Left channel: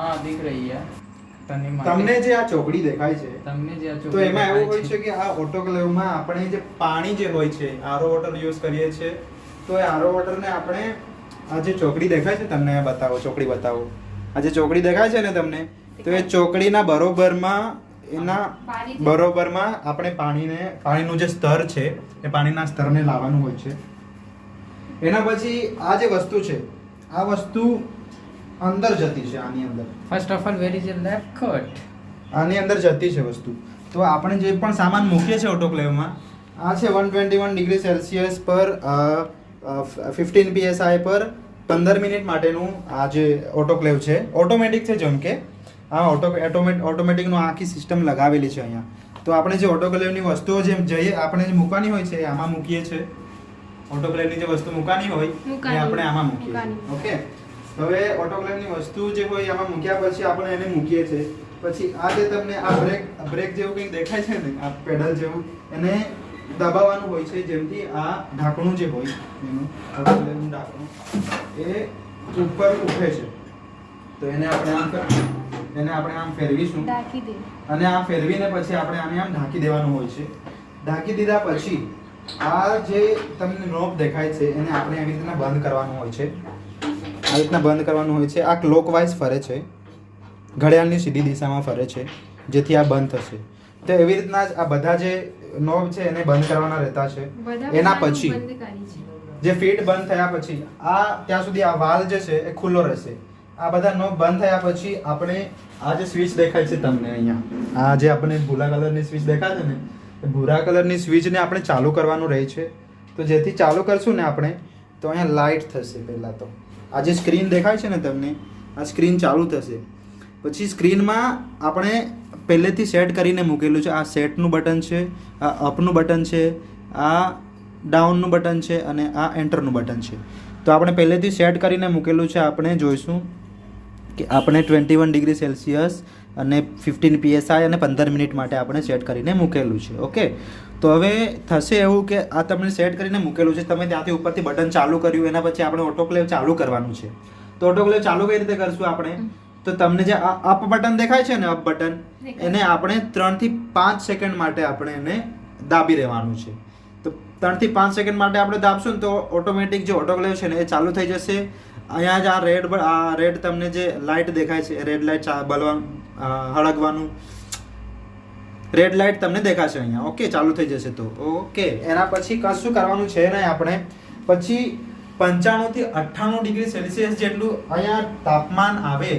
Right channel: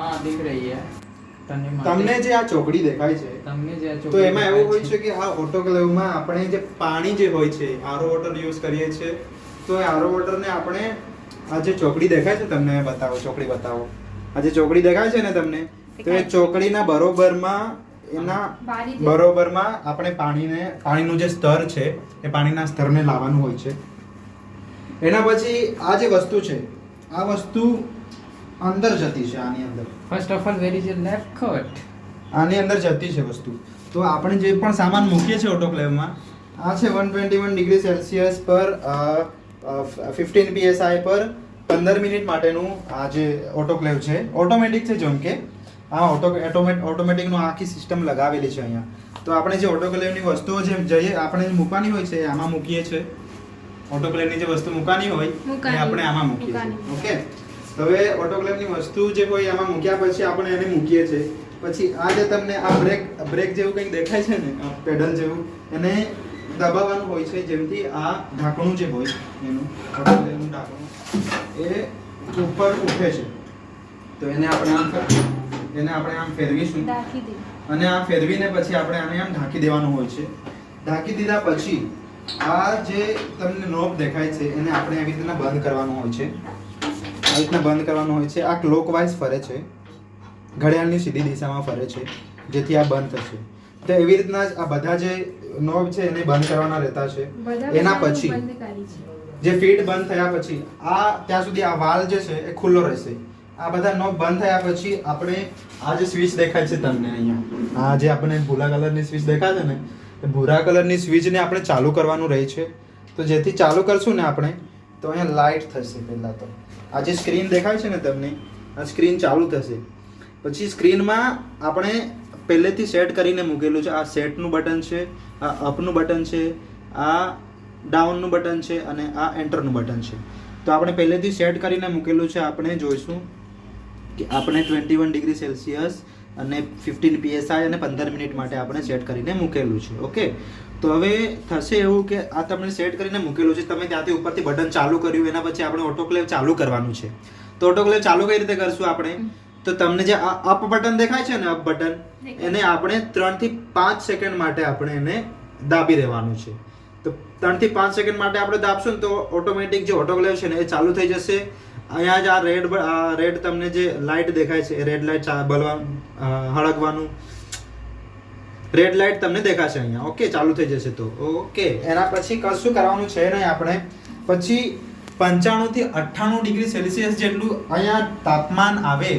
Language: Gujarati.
हाँ दिख रही है તમને જે આ ચોકડી દેખાય છે તમને જે આ તો ચોકડી એમાં એવું હોય દેખાય છે કે આ ઓટોક્લેવમાં આપણે જે પાણી જે હોય છે આરો વોટર યુઝ કરીએ છીએ તો એ આરો વોટરને આપણે આ જે ચોકડી દેખાય છે તમને અહીંયા બતાવો ચોકડી બતાવો આ જે ચોકડી દેખાય છે ને તમને તો એ ચોકડીના બરોબરમાં આપણે પાણીનું જે સ્તર છે એ પાણીના સ્તરને લાવવાનું હોય છે. એના પછી આ જે વસ્તુ છે આ વસ્તુ અંદર જતી છે આની અંદર first of all where is your left cut આની અંદર જતી છે વસ્તુ. તો આપણે જે પણ સામાન મૂકીએ છીએ ઓટોક્લેવમાં આ છે 121 ડિગ્રી સેલ્સિયસ પર 15 psi પર 15 મિનિટ માટેનું આ જે ઓટોક્લેવ છે ઓટોમેટિક છે. જેમ કે આ ઓટોમેટિકનો આખી સિસ્ટમ લગાવેલી છે અહીંયા. તો આપણે જે ઓટોક્લેવની વસ્તુઓ જે જઈએ આપણે જે મૂકવાની હોય છે આમાં મૂકીએ છીએ. ઓટોક્લેવની જે વસ્તુ મૂકવાની હોય એ આપણે આમાં મૂકીએ છીએ. ઓકે, હવે ઓટોક્લેવની વસ્તુ જે હોય આમાં મૂક્યા પછી આપણે એને મૂકીએ છીએ. પછી આ જે તમને આ બ્રેક જેવું કંઈક દેખાય છે ને આ પેડલ જેવું એને દબાવવાનું હોય છે જેમથી આ ઢાંકણું જે હોય એનું ઓટોક્લેવનું ઢાંકણું એ ઉપર ઉઠે છે. તો એને આપણે આમ ફેરવીશું અને આ ફેરવીને પછી આપણે આને આમ ઢાંકી દેવાનું હોય છે. ઢાંકી દીધા પછી આ જે તમને નોબ દેખાય છે એને આપણે એવી રીતના બંધ કરવાનું હોય છે. આ રીતના બંધ કરવાનું હોય છે. આ ક્લોકવાઇઝ ફરે છે, ઘડિયાળની સીધી દિશામાં ફરે છે જેથી આ બંધ થશે. તો એવી રીતના જ આ બધા જે નોબ છે એને બંધ કરવાના રહેતા છે. એના પછી જે ફીટ બંધ થયા પછી આ ત્યાં સુધી આ વાલ જે છે એ ખુલ્લો રહેશે. આ બધા નોબ બંધ થયા પછી આપણે આ જે સ્વિચ દેખાય છે તમને અહીંયા આ જે આપણે ભૂરા કલરની સ્વિચ દેખાય છે ને એ ભૂરા કલરની સ્વિચને આપણે ચાલુ કરવાનું રહે છે. તો જેથી ચાલુ કરશું ને આપણે તો અહીંયા લાઇટ થશે. પહેલાં તો આ જે સ્ક્રીન દેખાય છે ને તમને આ સ્ક્રીન ચાલુ થશે. પછી સ્ક્રીનમાં આપણે પહેલેથી સેટ કરીને મૂકેલું છે. આ સેટનું બટન છે, આ અપનું બટન છે, આ ડાઉનનું બટન છે અને આ એન્ટરનું બટન છે. તો આપણે પહેલેથી સેટ કરીને મૂકેલું છે. આપણે જોઈશું કે આપણે 21 ડિગ્રી સેલ્સિયસ અને 15 psi અને 15 મિનિટ માટે આપણે સેટ કરીને મૂકેલું છે. ઓકે, તો હવે થશે એવું કે આ તમે સેટ કરીને મૂકેલું છે, તમે ત્યાંથી ઉપરથી બટન ચાલુ કર્યું, એના પછી આપણે ઓટોક્લેવ ચાલુ કરવાનું છે. તો ઓટોક્લેવ ચાલુ કઈ રીતે કરશું આપણે? તો તમને જે આ અપ બટન દેખાય છે ને અપ બટન એને આપણે 3 થી 5 સેકન્ડ માટે આપણે એને દાબી રહેવાનું છે. તો 3 થી 5 સેકન્ડ માટે આપણે દાબશું ને તો ઓટોમેટિક જે ઓટોક્લેવ છે ને એ ચાલુ થઈ જશે. અહીંયા જ આ રેડ તમને જે લાઇટ દેખાય છે એ રેડ લાઇટ હળગવાનું રેડ લાઇટ તમને દેખાશે અહીંયા. ઓકે, ચાલુ થઈ જશે. તો ઓકે, એના પછી કશું કરવાનું છે નહીં આપણે. પછી 95 થી 98 ડિગ્રી સેલ્સિયસ જેટલું અહીંયા તાપમાન આવે